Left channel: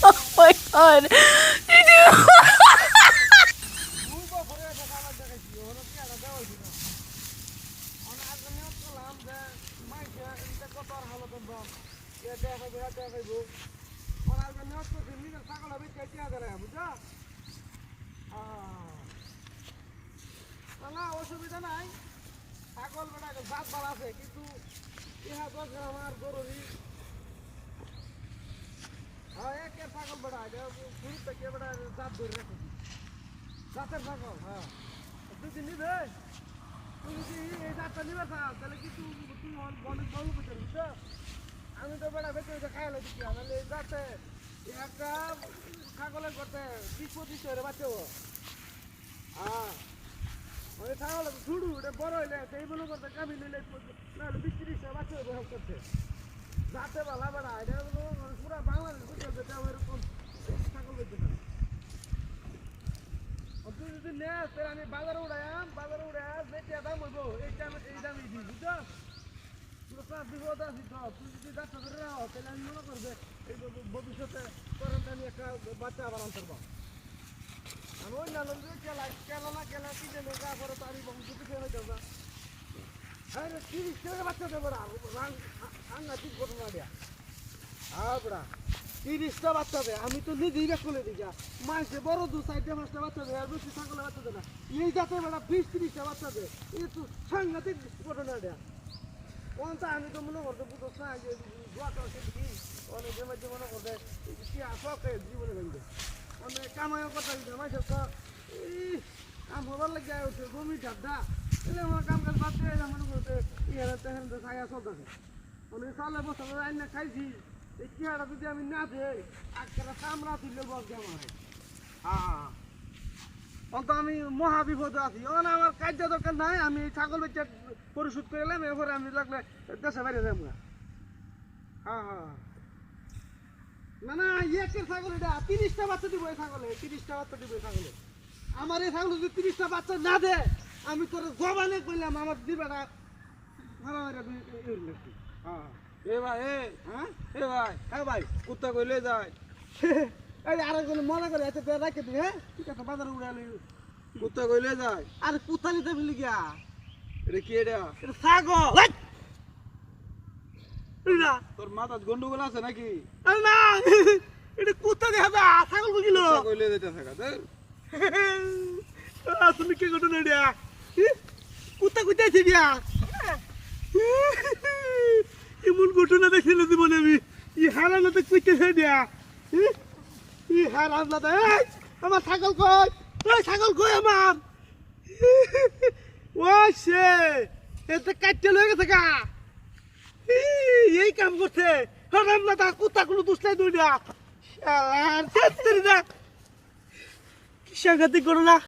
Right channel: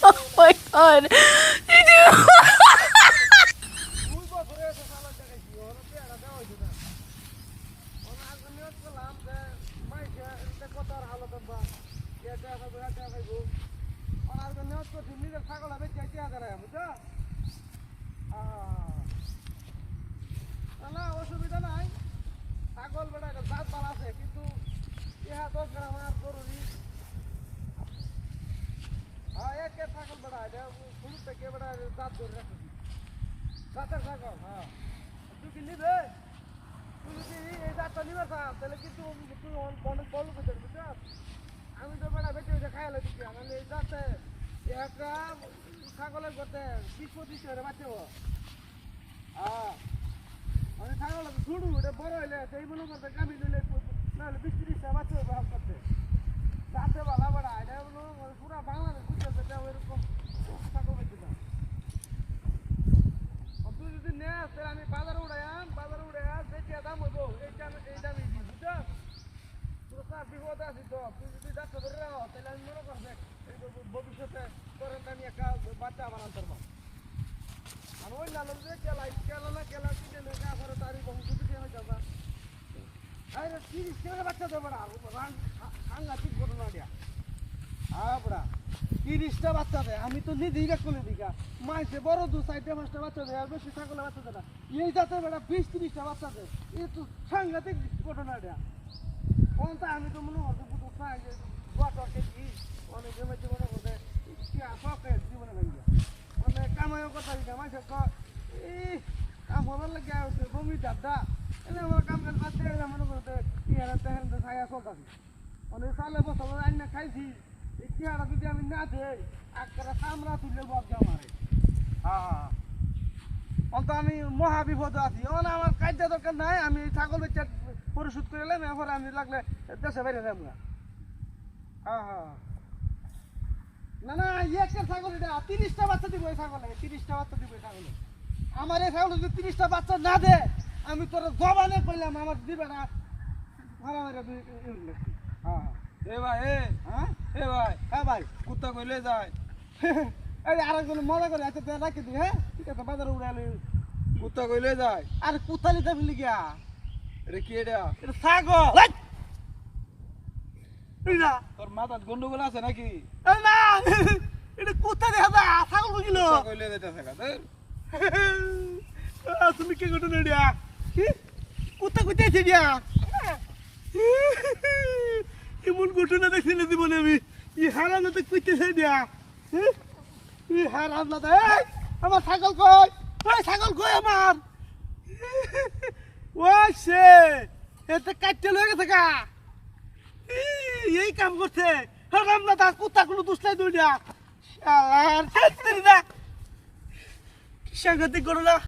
oh my god. অসুবিধা নাই ছাগল বেড়া গাছ বাড়া আছে, কিন্তু ইহা দশ গ্রাম আর জরুরি একে ছাগল বেটা এটা ফুল থেকে বেটা জাত ধরে রাখছি জাতের ছাগল হ্যাঁ তুই কি নিবে তুই যদি এই জাতটা নিবে তাহলে কিন্তু তুই অন- অনেক বড় করতে বুঝছ আমি তো বেটা বেঁচে এটা খাই লাগছি আমি এই জাতে একটা ছাগলের করতে বিশ পঁচিশ করে বাচ্চা হ্যাঁ আমি ছাগল ঝুড়ু এটা বড় হইলে সেইগুলো করতে কামি নিলে বিশ বাচ্চা ব্যবহার করতে ভালো বেড়া এটা হলো মানে পুরা বাংলাদেশ বুঝতে যেটা এরকম ছাগল বেঁচে না তুই যদি নেস তাহলে আমি বাজারে উড়াইয়াম বাজারে উড়াইয়া দেখি দাম হইব। এই দামে এই দামে দিই, বুঝছ? তোর কাজ বিপদ আছে তো, তুই যদি ডাক্তার ধরে রাখো, তাহলে আমি মনে করবে ভবিষ্যতে তোর আমি একটা বাচ্চা বানাতে পারব। আমি ওই না লোক কেলা কেলা না কেলা, কি জানে গা করে তারি বহু কিছু দিয়ে হয়ে যাবে আরে, তিরিশ টাকা বাচ্চা দেবো রাঙ্গা ঠিক ঘটনা দেয়া। হ্যাঁ তিরিশটা বাচ্চা দেয়। আমি তো নিজেই রেখ করে দিই মাসে বড় দু, চারটে পাঁচটা বাচ্চা দেয়, আর বেশি ছাগলে বাচ্চা দেয় না। এই যাতে বেড়া বিশ, তিরিশটা বাচ্চা দেয়। এই তো সাংঘাতিক ঘটনা দেয়া কোনটা আমি তো মনে করতে বুঝো না যে অনেকে মধ্যে মনে করতে কি আসে জীবনে গেলে আমি কামাই কথা আমার সব এই আমার লাগে উঠে বমি চারটা কাম অনেক খাইছি। চেহারা যদি আমি না দেই একটা কামড়া তুললে বলছে আমার। হ্যাঁ। অন্ত আমি মহা বিপদে আছি। অন আমার কার্য দরকার নাই আমি এই ছাগল বেচে পরিশোধ করে এলাম এরপরে আমি লাগলে দেশে বাইরে যাব না। হ্যাঁ হ্যাঁ। না না একের ছাগল এটা তিরিশটা বাচ্চা দিব এই ছাগলে তিরিশটা বাচ্চা দিব এই ছাগলে। আমার এই ছাগল যদি তিরিশটা বাচ্চা না দে আমি তোর জবানে করলাম আমার দিবে না। ভালো লাগে হ্যাঁ। এ ভাই হ্যাঁ? এ ভাই হ্যাঁ ভাই কুত্তা কইলে যায় এই আরেকজন মজা করে আছে তো রাখে তুই হ্যাঁ তুই কথা বাজারে উড়ালি কুত্তা কইলে যায় আর কোথালি যাবি গিয়া এটা কি এটা এটা ছাগল এই না তোর মাথার গন্ডগোল আছে নাকি আরে না এটা কোথা দেখা দা ছাগল বুঝিল কুত্তা কইলে যেতে থাকা ধর। তুমি কি ঘটনা এটা কোথা কোথায় আছে গিয়া এমন ঘটনা জীবনে আমি। ই তো কইতেছে দিয়া? ই? হারান না আমার ছাগল কই? ওই ছাগল কই আমার? এতে কাটতে লয়ে গেছে এই কাম করছে। হারান না তা কুত্তা কোনো দুষ্টাই দুইটা। ছাত্রীরা। কি সাংঘাতিক না